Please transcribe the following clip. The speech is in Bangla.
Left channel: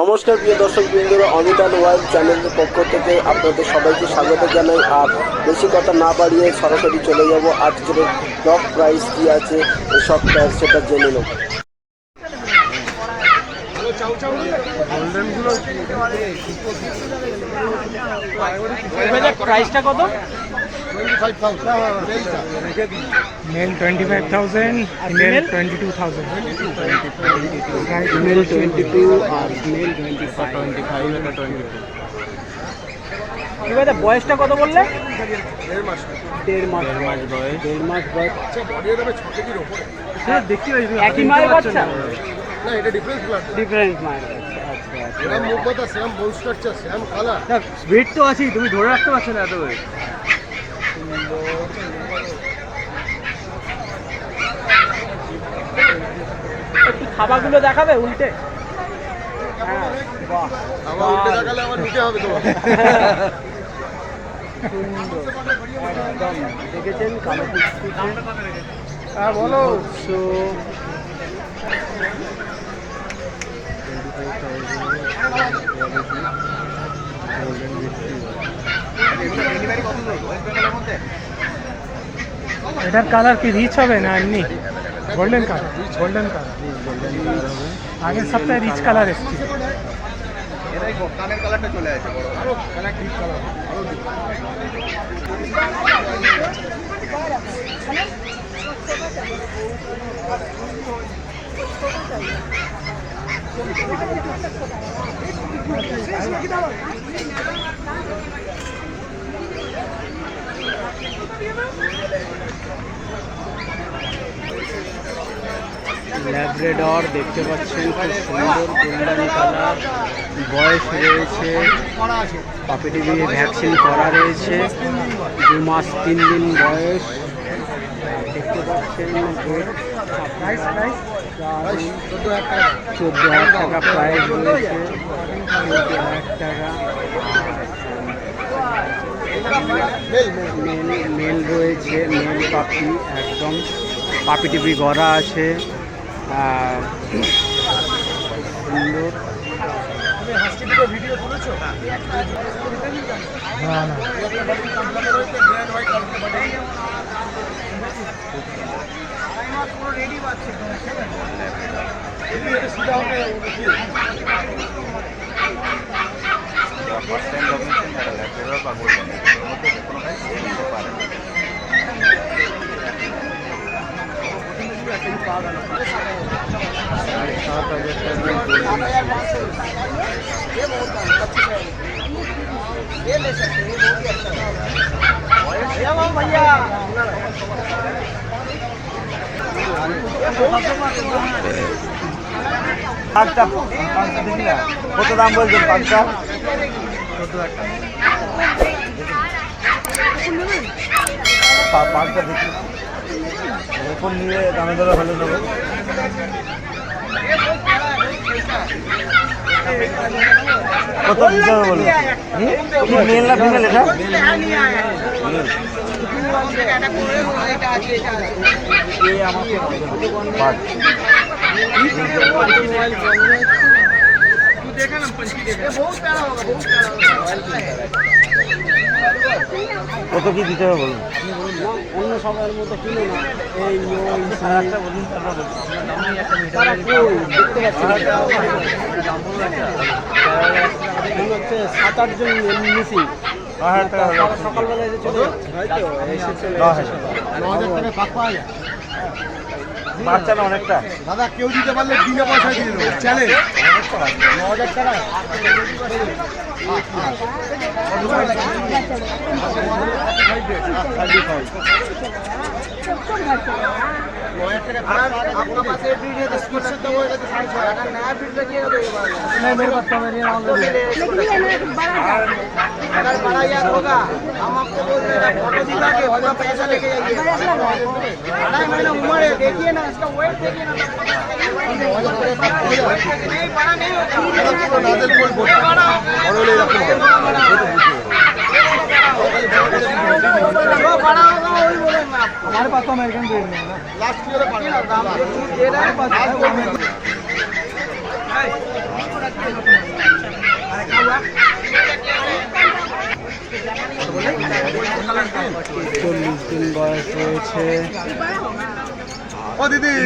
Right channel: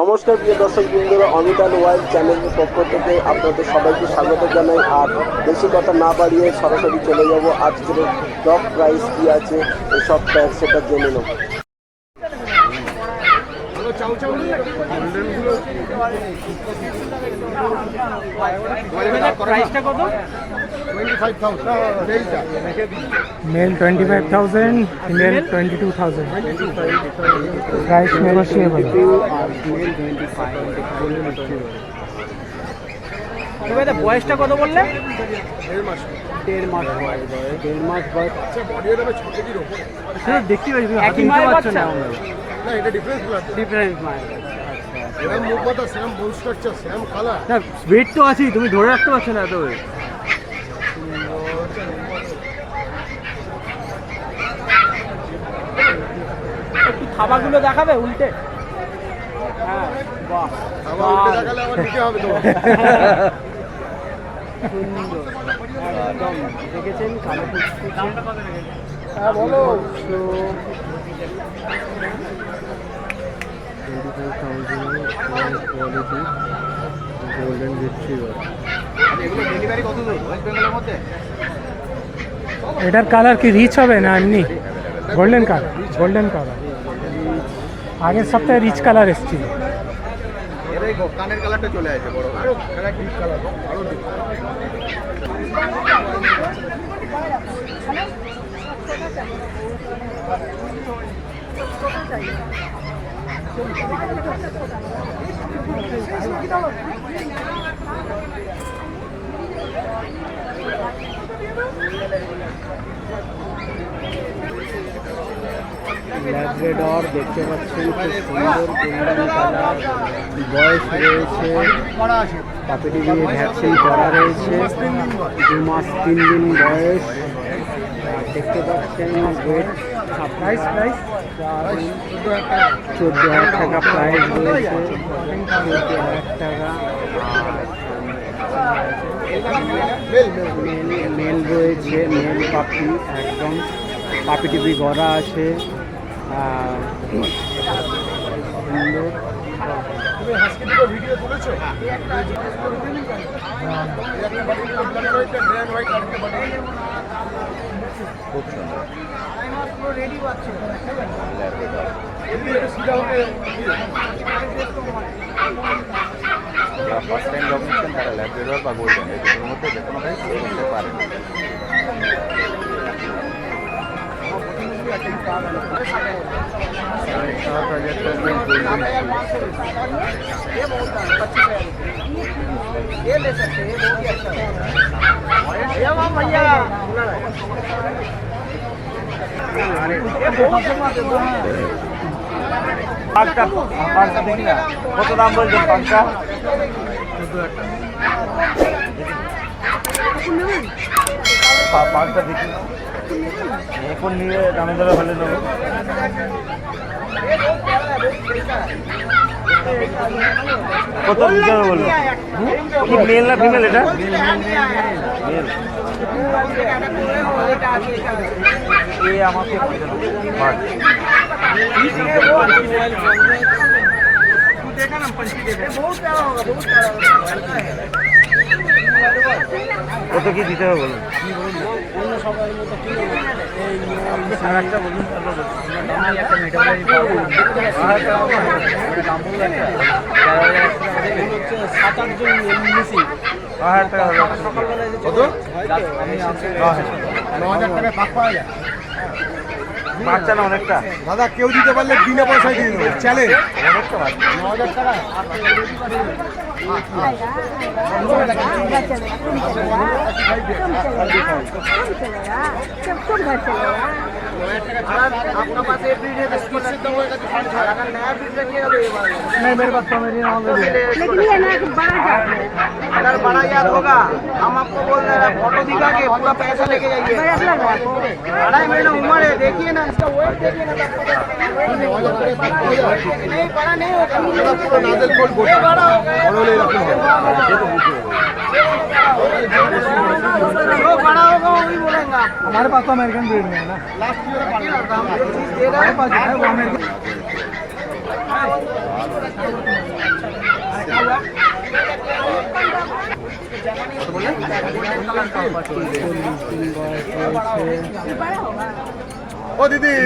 নমস্কার প্রিয় দর্শক বৃন্দরা, অমিত অ্যান্ড ওয়াইল্ড চ্যানেলের পক্ষ থেকে আপনাদের সবাইকে স্বাগত জানাই। আর বেশি কথা না বাড়িয়ে সরাসরি চলে যাব আজকের টপ প্রাইস কি আছে এসব সেটা জেনে নেব। প্রাইসটা কত? 25,000 Male 25,000, female 22,000. Price negotiable. আর ফিমেল 25। বয়সটা কত বললে? 1.5 মাস। 1.5 মাস বয়স। 1.5 মাস বয়স। আচ্ছা, বডি এর 6 কেজির উপরে। দেখতে পাচ্ছি একই মায়ের বাচ্চা? না, এটা ডিফারেন্স ব্লাড। ডিফারেন্স মায়ের বাচ্চা। আচ্ছা আচ্ছা। এরকম মুখ পাতা, সেম বোন স্ট্রাকচার, সেম কালার। না ওয়েট তো আছেই, তুমি ধরে রাখতে পারছো না এত ওয়েট। একটু থাবাগুলো দেখাবে উল্টে? হ্যাঁ, বাহ আবার উল্টে দেখালে আবার নিতে হবে তোমার। সুন্দর একদম। দেখেছেন কালো কুচকুচে। হ্যাঁ, বলো। এটার কালার কি রিচ হবে না এমনি গোল্ডেন কালার? গোল্ডেন কালার আগের সপ্তাহে রিচ কালার এসেছিল। এরাই কানের কালারটা চলে আসে বড়। আরো কালার ডিপ কালার, আরো ডিপ। ল্যাব্রাডর দেখতে পাচ্ছেন, খুব সুন্দর গোল্ডেন কালার। বয়স রয়েছে, পাপিটি দিয়ে ভ্যাকসিন করা রয়েছে, 2 মাস 3 দিন বয়স। দেখতে পাচ্ছেন ওয়েট 14,000 টাকা প্রাইস রয়েছে, 14,000 টাকা। মেল রয়েছে, মেল পাপি, একদম পাপি টিপি গড়া আছে, সুন্দর। ভিডিও তুলেছো? কত দাম বলছেন পাঁচটা? পাঁচটা দেখি এখন নিয়ে দামে দামে ফেলে দেবো। কত দিতে হবে বললো? কি মেল না ফিমেল এটা? আমাকে কত কি দিতে হবে বলুন? অন্য সবার মতো কিনে না, এই একটা বলুন। 7-8 জন মিসিং। বাচ্চা না অনেকটা দাদা, কেউ দিতে পারলে বিনা পয়সায় দিয়ে দেবো। চ্যালেঞ্জ। অনেকটা বাচ্চা। 9,000 টাকা। आपका पास ये ब्रीड है तो इसको लगता है, अगर नया ब्रीड रखिएगा तो ये वाला अगर बड़ा याद होगा हम आपको बोल रहे हैं, फोटो दिखा के पूरा पैसा लेके जाइए। 2.5 महीना उम्र है, देखिए ना इसका वेट, देखिए ना। बड़ा नहीं बड़ा होगा वही बोलेंगे आप। हमारे पास तो अमेरिकन ब्रीड में है ना। रखिए ना, दाम दे रहा है। 40 দিন বয়স রয়েছে। ও দিদি